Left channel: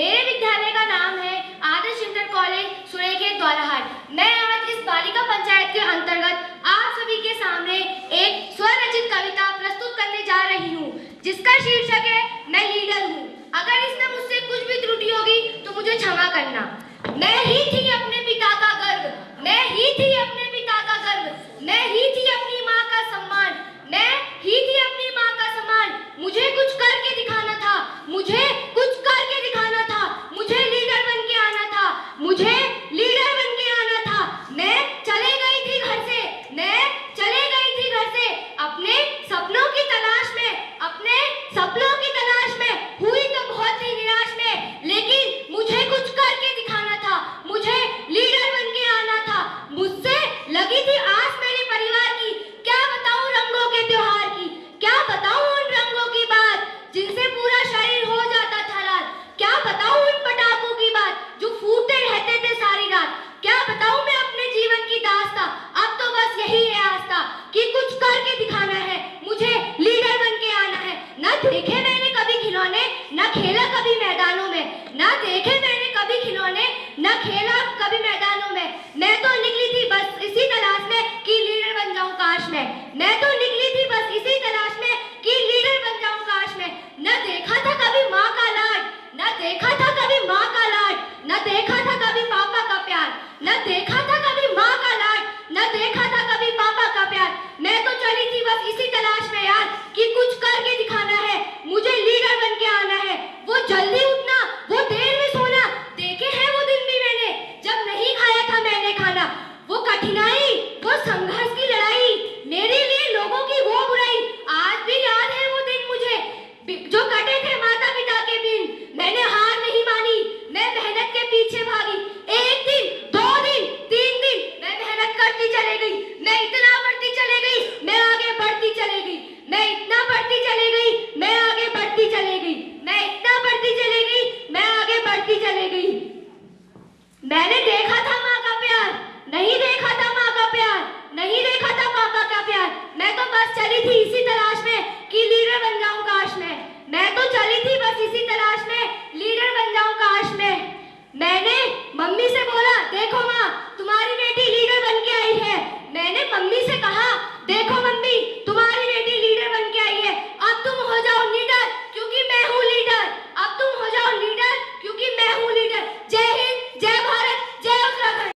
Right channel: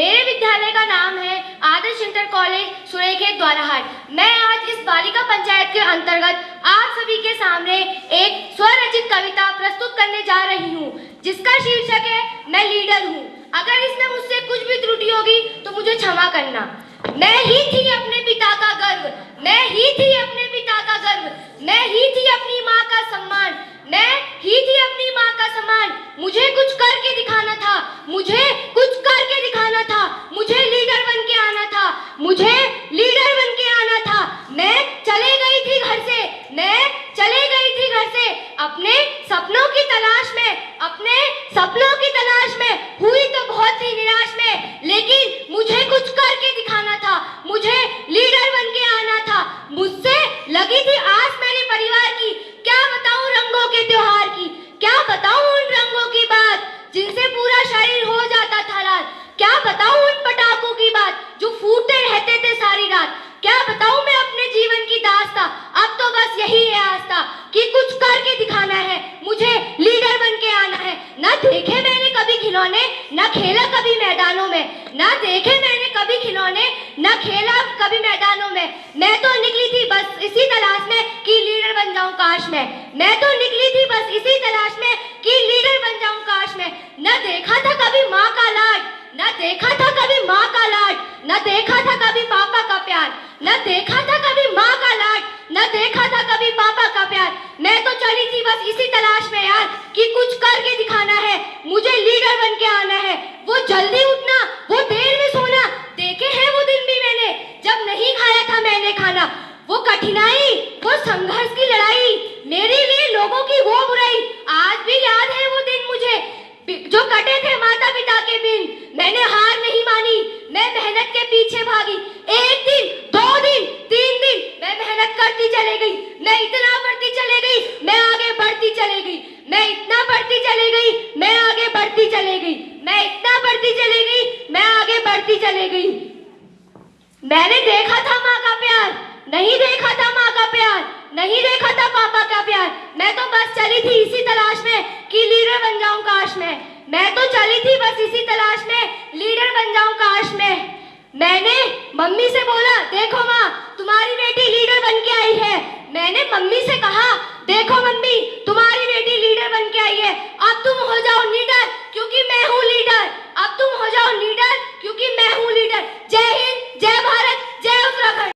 मेरे विद्यालय का नाम है आदर्श इंटर कॉलेज सुरेखेत द्वाराहाट। मैं आज इस बालिका पंचायत के अंतर्गत आप सभी के सामने एक स्वरचित कविता प्रस्तुत करने जा रही हूँ, जिसका शीर्षक है मैं लीडर हूँ। अगर इसमें मुझसे कुछ भी त्रुटि होगी तो मुझे क्षमा करना। मैं ही थी अपने पिता का गर्व, मैं ही थी अपने पिता का गर्व, मैं ही थी अपनी माँ का सम्मान, मैं ही थी अपनी माँ का सम्मान। मुझे कुछ करके दिखाना था, मुझे कुछ करके दिखाना था, मुझे लीडर बन के आना था, मुझे लीडर बन के आना था। मैं चले गई थी घर से, मैं चले गई थी घर से अपने सपनों की तलाश में, अपने सपनों की तलाश में। हुई तो बहुत ही निराश में, लेकिन मुझे कुछ करके दिखाना था, मुझे लीडर बन के आना था। मुझसे लगी थी आस मेरे परिवार की, क्या बताऊं रंगों के त्योहार की, क्या बताऊं उन रंगों की बात जिनसे पूरा शरीर हो जाता था लाल, क्या बताऊं उन पटाखों की बात जो फूटते रहते थे सारी रात। क्या बताऊं मैं अपने जीवन की दास्तां, अब तो बस यही है आस्था कि कुछ करके दिखाना है, मुझे लीडर बन के आना है। ना देखे मैंने कभी खिलौने, ना खेला कभी मैदानों में, ना देखे मैंने कभी खिलौने, ना खेला कभी मैदानों में। मैं तो निकली थी बस इसी तलाश में कि लीडर बन जाऊं काश मैं तो निकली थी बस इसी तलाश में कि लीडर बन जाऊं काश मैं। न देखा था कभी माँ का लाड, न देखा था कभी माँ का लाड, न देखा था कभी पापा का प्यार, न देखा था कभी माँ का लाड, न देखा था कभी पापा का प्यार। मैं तो चली थी बस इसी तलाश में यार कि कुछ करके दिखाना है, मुझे लीडर बन के आना है। वो जल्दी उठना, वो देर में सोना, देखे हैं वो दिन भी मैंने जब नहीं खाया था मैंने खाना। वो कठिनाई, वो संघर्ष की लड़ाई, मेरे लिए लोगों की वो बुराई, आज भी याद है वो दिन मुझे जो कटे थे माता पिता के बिन। मैंने हार नहीं मानी, मैं मेहनत के पीछे भागी। एक दिन, 2 दिन, 3 दिन मैं मेहनत करती चली गई, मैं इतना बढ़ती चली गई, मैं आगे बढ़ती चली गई, मैं इतना बढ़ती चली गई, मैं आगे बढ़ती चली गई, मैं इतना बढ़ती चली गई, मैं आगे बढ़ती चली गई। मैंने देखा था माँ का प्यार, नहीं देखा था माँ का प्यार, नहीं देखा था पापा का प्यार। मैं तो बस चली थी इसी तलाश में कि लीडर बन जाऊं काश मैं तो चली थी बस इसी तलाश में लीडर बन जाऊं काश मैंने मम्मी से बोला, देखो माँ तुम्हारी बेटी लीडर बन के आई है। मैंने मम्मी से कहा, देखो मम्मी तुम्हारी